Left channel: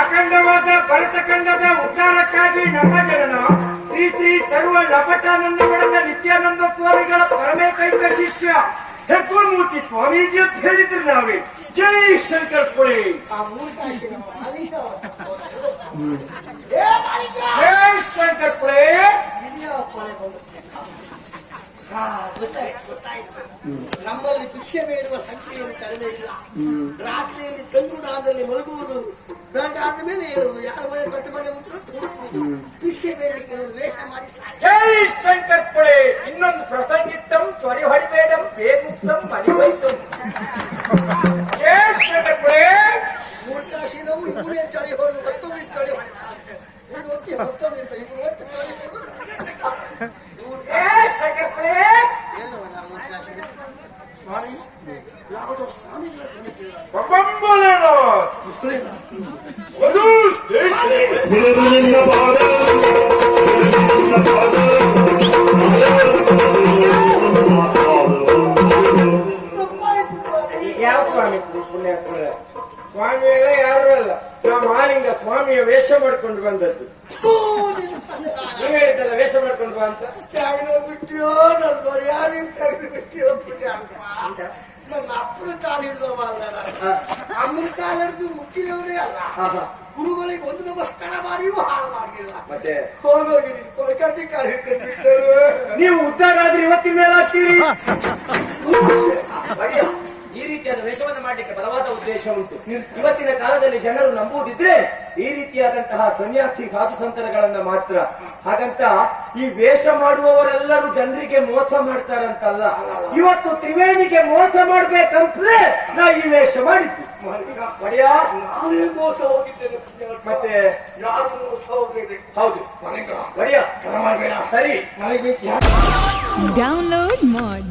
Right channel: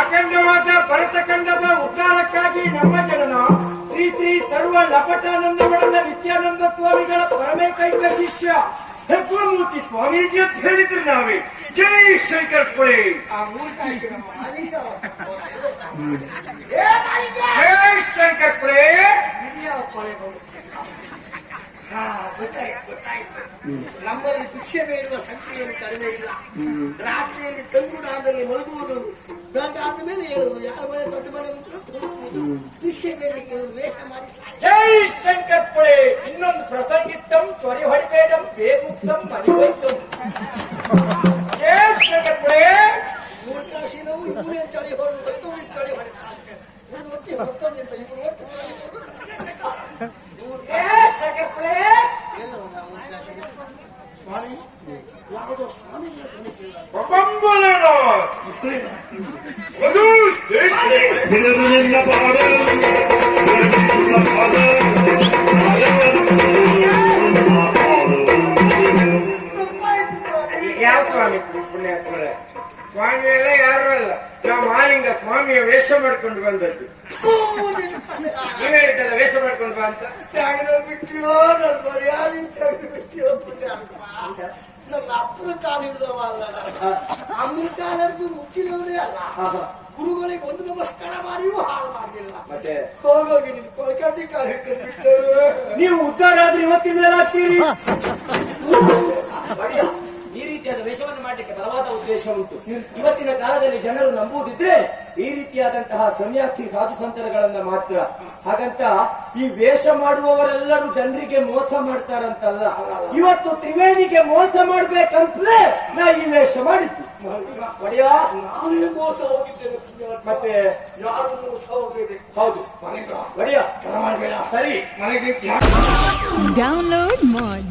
ಅಖಂಡವಾದ ಭರತಖಂಡದ ಉದ್ಧಾರಕ್ಕಾಗಿ ನಮ್ಮ ಜನನ ಶ್ರೀ ಶ್ರೀ ತರುವ ಲಪಟಾನಂದ ಮಠದ ನಿತ್ಯಾನಂದ ಸ್ವಾಮಿಗಳ ಪರಮೇಕೈಕ ಶಿಷ್ಯ ಹೆಗ್ಗುರುಮೂರ್ತಿ ಸ್ವಾಮೀಜಿ ಅಂತ ಹೇಳಿದ್ರು ನಾವೇ. ಜೈ ಶಂಕರ್ ಪುರಿ. ಜೈ ಶಂಕರ್ ಪುರಿ. ಗೊತ್ತಾಯ್ತು. ನಮ್ಮಲ್ಲಿ ಭಿಕ್ಷೆ ಬೇಡುವ ಸಂಖ್ಯೆಯನ್ನು ಕಡಿಮೆ ಇಲ್ಲ. ರಾತ್ರಿಯಲ್ಲಿ ತಂಗುಡಾದಲ್ಲಿ ಮಲಗುವುದು, ಬೆಳಗಾದ ಮೇಲೆ ಹೇಳುವುದು, ಯಾರ ಮನೆ ದೊಡ್ಡ ಮನೆ ಉಂಟು ತುಡುಕುವುದು, ಭಿಕ್ಷೆ ಬೇಡಕ್ಕೆ ವೇಷ ಮಾಡಿ. ಜೈ ಶಂಕರ್ ಪುರಿ. ಇನ್ನೊಂದು ಪ್ರಸಂಗಿತ್ತಂ ತ್ವರಿ ಹೊಡಿಬೇಡಂ ಬೇಗುಪ್ತಂ ಮನಿವೈತಂ. ಜೈ ಶಂಕರ್ ಪುರಿ. ಮೂರ್ಖಾಶಿನವು ಇವರೇ ಚಳಿ ಹೊಡೆದು ಮತ್ತೊಮ್ಮೆ ಚಳಿ ಹೊಡೆದ ಇವರು ಒಟ್ಟೆ ಮತ್ತೊಮ್ಮೆ ಅಂತ ಇವರು ಒಟ್ಟು ಚಳಿ ಹೊಡೆದು ಎಲ್ಲವನ್ನ ಮೂರ್ಖಾಶಿನ ಸ್ವಾಮಿ ಯಾವುದೋ ಸ್ವಾಮಿಗಳ ಧ್ವನಿತಿಲ್ಲ. ಯಾವ ಸ್ವಾಮಿ ಪುಣ್ಯಾತ್ಮರ? ಸ್ವಾಮಿ ಎಲ್ಲ ಯಾರು ಅಲ್ಲ, ನಾವು ಮಾಲಿಂಗ ಸ್ವಾಮಿಯ ವೇಷ ಮಾಡ್ಕೊಂಡು ಬಂದದ್ದು. ನೀನ್ ಹೇಳಿದ್ದಲ್ಲ ವೇಷ ಮಾಡ್ಕೊಂಡು ಬಾ ಅಂತ. ತೆಗೆದು ಬಿಟ್ಟಿಯೋ ನನ್ನ ಮರ್ಯಾದೆ ತೆಗೆದು ಬಿಟ್ಟಿಯೋ ಪುಣ್ಯಾತ್ಮ. ನನ್ನ ಅಪ್ಪನ ಕಾಲು ಹಿಡಿದವ ಅಲ್ಲ, ಅಮ್ಮನ ಕಾಲು ಹಿಡಿದು ಮುಟ್ಟಿದವನೇ ಅಲ್ಲ. ಗುರುಗಳಿಗೆ ಒಂದು ನಮಸ್ಕಾರ ಮಾಡಿಯೂ ಹಾಳು ಮಾಡಲಿಲ್ಲ. ಮತ್ತೆ ಹೋಗೋಗಿ ನೀನು ಕೊಳಕಟ್ಟಿ ಕಾಲು ಹಿಡ್ಕೊಂಡು ಬಿಟ್ಟು ನೀವು ಉದ್ಧಾರ ಆದ್ರೆ ಇವತ್ತಿನ ಮೇಲೆ ಆಗ್ತೀರಿ. ಈ ರೀತಿಯಾದ ವೇಷವನ್ನು ಮಾಡಲಿಕ್ಕೆ ಬಲವಾದ ಉದ್ದೇಶ ಉಂಟು. ಇವತ್ತಿನ ಕಾಲದಲ್ಲಿ ಜನರು ನಂಬುವುದಿದ್ರೆ ಈ ರೀತಿಯಾದಂತಹ ಸನ್ಯಾಸಿ ಸಾಧು ಸಂತರಗಳನ್ನ ಮಾತ್ರ. ಹಾಗಂತ ಈ ವೇಷ ಮಾಡುವವರೆಲ್ಲರೂ ಜನರಿಗೆ ಮೋಸ ಮಾಡ್ತಾರಂತಲ್ಲ. ಇವತ್ತು ತ್ರಿವೇಣಿಗೆ ಮೋಸ ಮಾಡ್ಬೇಕಂತಲೇ ನಾ ಈ ವೇಷ ಮಾಡಿದ್ದು. ಒಡೆಯ ನಾನೇ ಮೋಸ ಹೋಗಿದ್ದೇನೆ. ಮತ್ತೆ ಯಾರು ಮೋಸ ಹೋಗಬೇಕು? ಹೌದು ಒಡೆಯ ಮಾಡಬೇಡ. ಸರಿ. ನನಗೆ Download Moj.